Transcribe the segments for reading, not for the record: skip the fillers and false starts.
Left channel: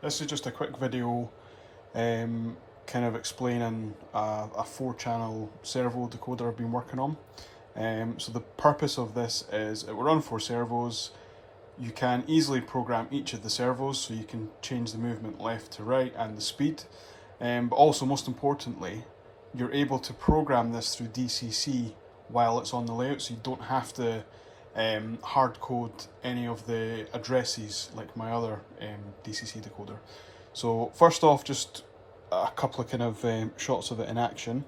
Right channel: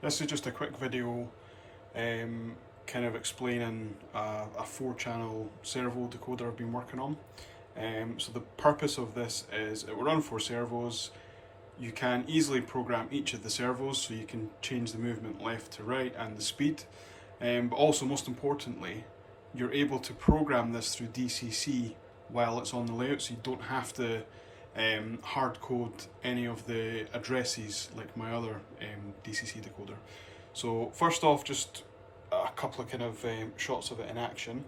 This is just a quick video kind of explaining a 4-channel servo decoder I've been working on. So the purpose of this is it will run 4 servos. You can easily program each of the servos, so you can change the movement left to right and the speed. But also, most importantly, you're able to program this through DCC while it's on the layout, so you don't have to hard code any of the addresses like my other DCC decoder. So first off, just a couple of kind of shots of it in action.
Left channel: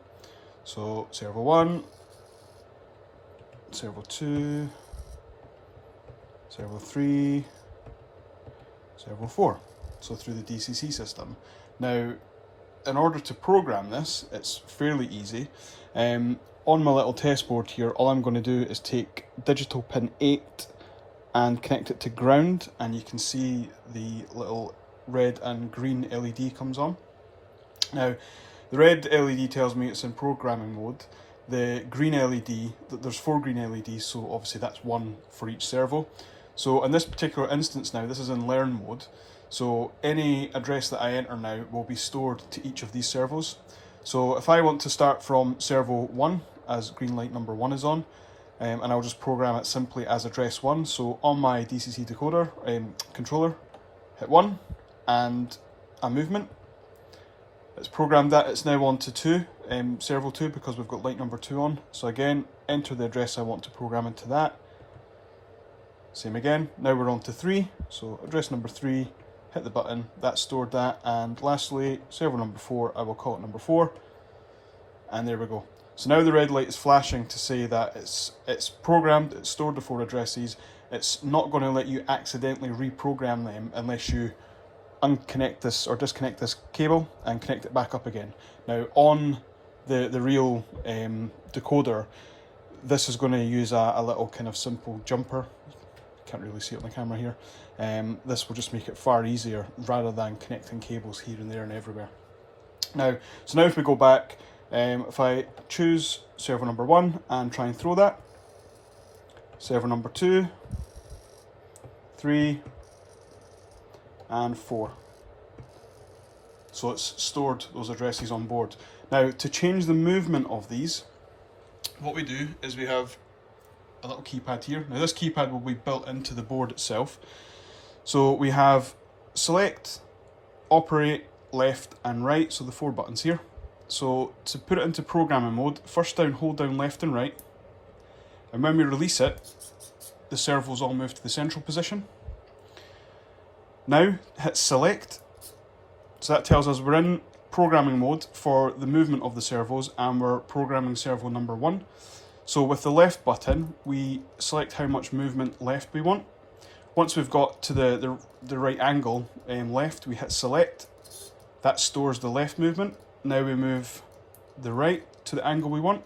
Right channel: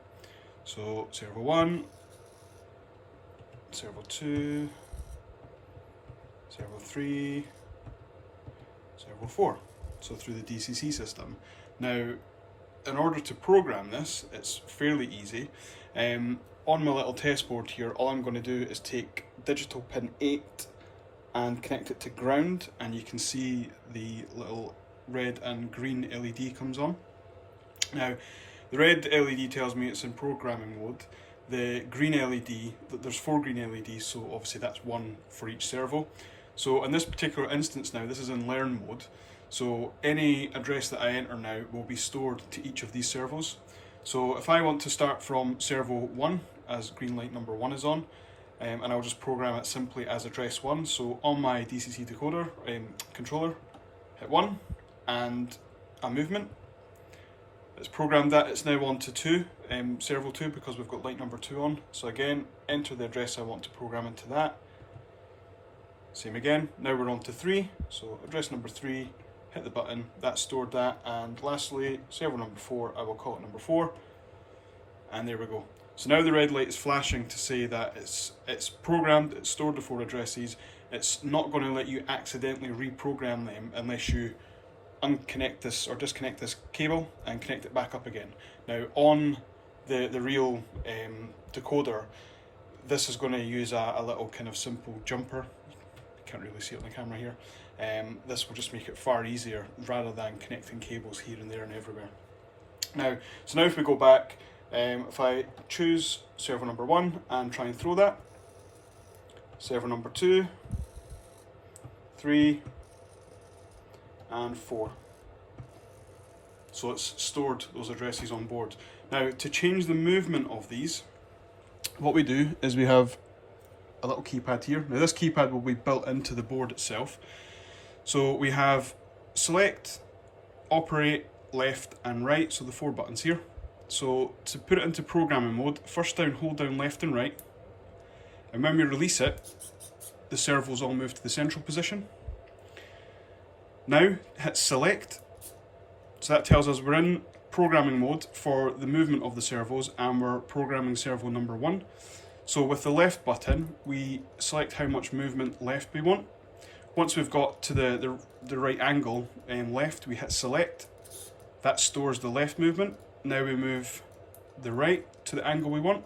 So servo 1, servo 2, servo 3, servo 4. So through the DCC system. Now, in order to program this, it's fairly easy. On my little test board here, all I'm going to do is take digital pin 8 and connect it to ground, and you can see the little red and green LED comes on. Now, the red LED tells me it's in programming mode. The green LED, there's 4 green LEDs, so obviously that's 1 for each servo. So in this particular instance now, this is in learn mode. So any address that I enter now will be stored to each of these servos. So if I want to start from servo 1, as green light number 1 is on, and I'll just program it simply as address 1. So on my DCC decoder controller, hit 1 and a movement. It's programmed that it's now on to 2, servo 2, because we've got light number 2 on. So again, enter the address I want to program into that. Same again, now we're on to 3, so address number 3, hit the button, that stored that, and lastly, servo number 4, I will call it number 4, and there we go. So now the red light is flashing to say that it's programmed, it's stored the 4 addresses. It's not going to let you accidentally reprogram them unless you unconnect this or disconnect this cable and connect it back up again. Now on the real decoder, this is going to use a little kind of simple jumper. Can't really see it on the camera here. This will just make it far easier rather than connecting cables here and there and everywhere. Now if we go back, if I choose servo number 1 and try and throw that, servo number 2, 3, and 4. So it's stored those addresses on board. Now to change the movement of these, what we do is we have a little keypad here. Now this keypad will be built into the board itself. So we have select, operate, left and right, so the 4 buttons here. So to put it into programming mode, first down, hold down left and right, and when we release it, the servos all move to the central position. Now hit select, so that tells us we're in programming mode for the movement of the servos, and we're programming servo number 1. So with the left button, we select how much movement left we want. Once we've got to the right angle left, we hit select. That stores the left movement. Now we move the right to the angle we want.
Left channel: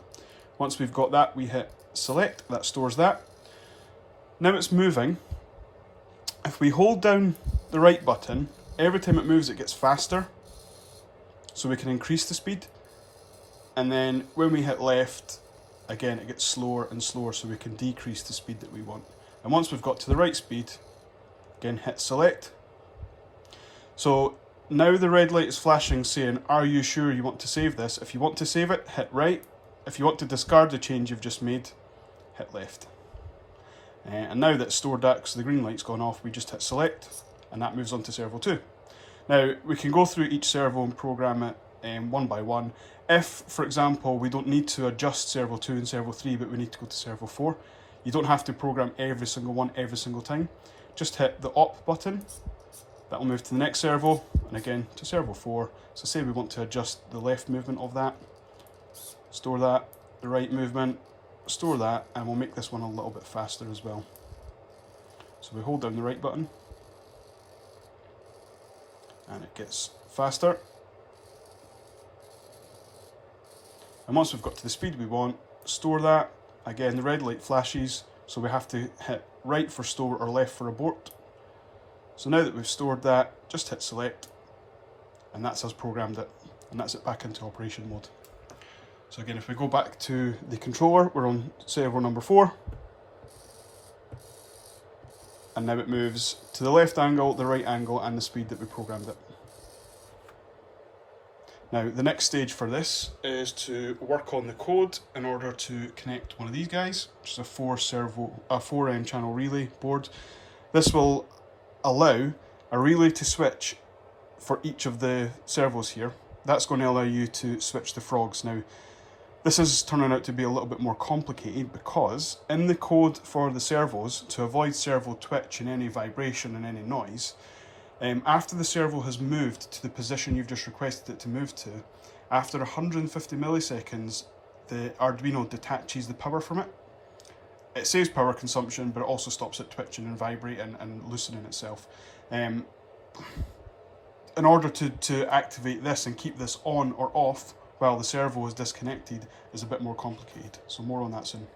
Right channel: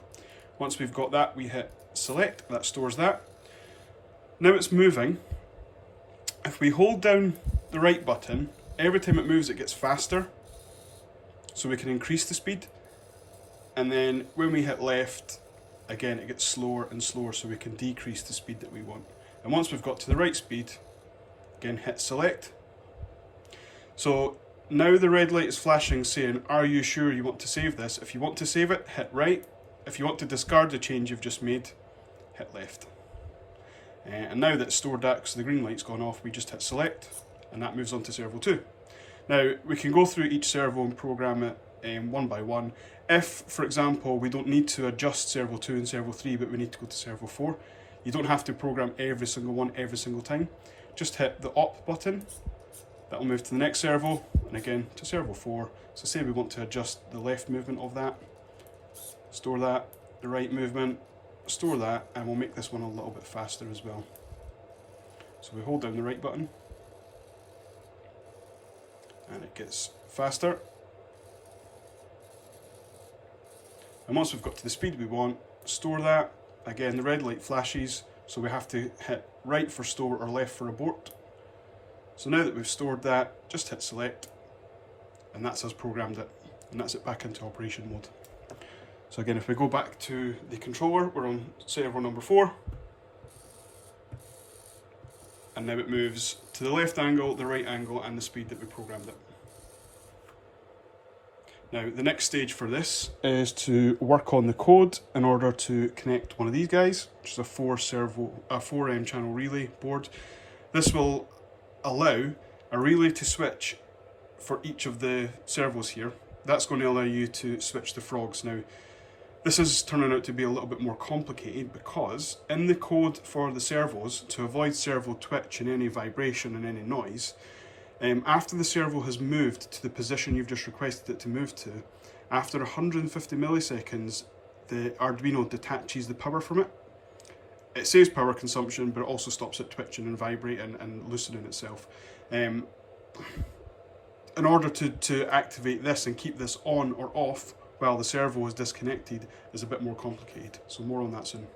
Once we've got that, we hit select. That stores that. Now it's moving. If we hold down the right button, every time it moves, it gets faster. So we can increase the speed. And then when we hit left, again, it gets slower and slower, so we can decrease the speed that we want. And once we've got to the right speed, again, hit select. So now the red light is flashing saying, are you sure you want to save this? If you want to save it, hit right. If you want to discard the change you've just made, hit left. And now that's stored that, because the green light's gone off, we just hit select, and that moves on to servo 2. Now, we can go through each servo and program it one by one. If, for example, we don't need to adjust servo 2 and servo 3, but we need to go to servo 4, you don't have to program every single one every single time. Just hit the op button, that will move to the next servo, and again to servo 4. So say we want to adjust the left movement of that, store that, the right movement, store that, and we'll make this one a little bit faster as well. So we hold down the right button, and it gets faster. And once we've got to the speed we want, store that. Again, the red light flashes, so we have to hit right for store or left for abort. So now that we've stored that, just hit select, and that's us programmed it, and that's it back into operation mode. So again, if we go back to the controller, we're on servo number 4. and now it moves to the left angle, the right angle, and the speed that we programmed it. Now, the next stage for this is to work on the code in order to connect one of these guys, which is a 4 channel relay board. This will allow a relay to switch for each of the servos here. That's going to allow you to switch the frogs. Now, this is turning out to be a little bit more complicated because in the code for the servos, to avoid servo twitch and any vibration and any noise, after the servo has moved to the position you've just requested it to move to, after 150 milliseconds, the Arduino detaches the power from it. It saves power consumption, but it also stops it twitching and vibrating and loosening itself. In order to activate this and keep this on or off while the servo is disconnected is a bit more complicated. So more on that soon.